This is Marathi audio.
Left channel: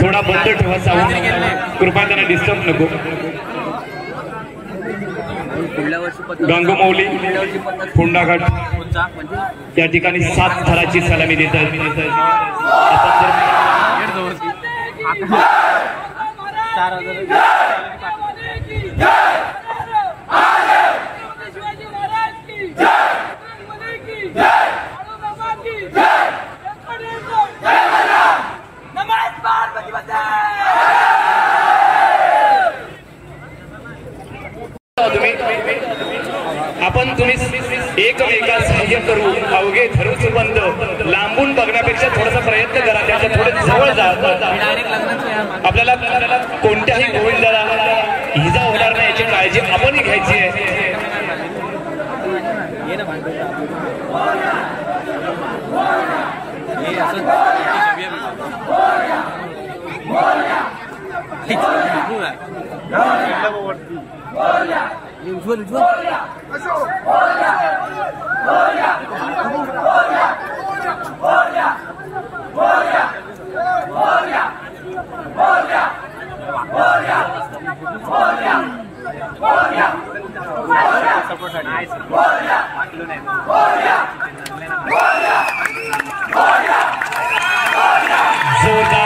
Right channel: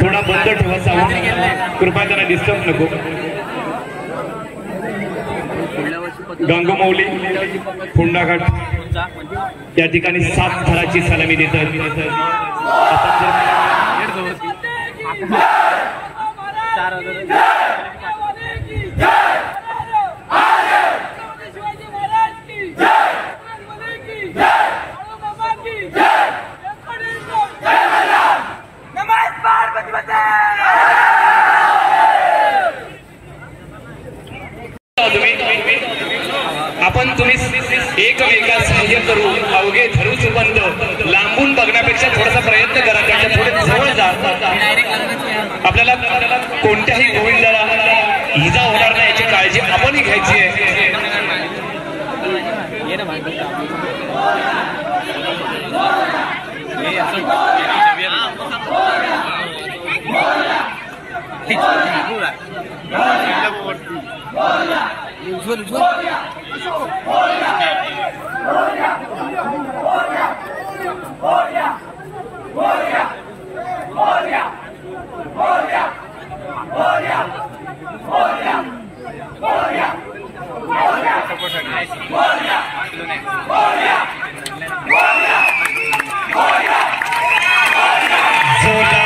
थोडा बंद ठेवा साऊंड, कृपा त्यांना डिस्टर्ब नको. गंगमौली फोंडाघाट या ठिकाणी 7 थराची सलामी देतात. आपण तुम्ही एकमेकास सहाय्य करू, अवघे धरू सुबंध. लांबून बघण्यापेक्षा थोडासा प्रयत्न करा, त्याच्या थोडे जवळ जा. आपल्याला कोणत्याही गोविंदाला इजा होणार नाही याची काळजी आपणही घ्यायची आहे. जोरदार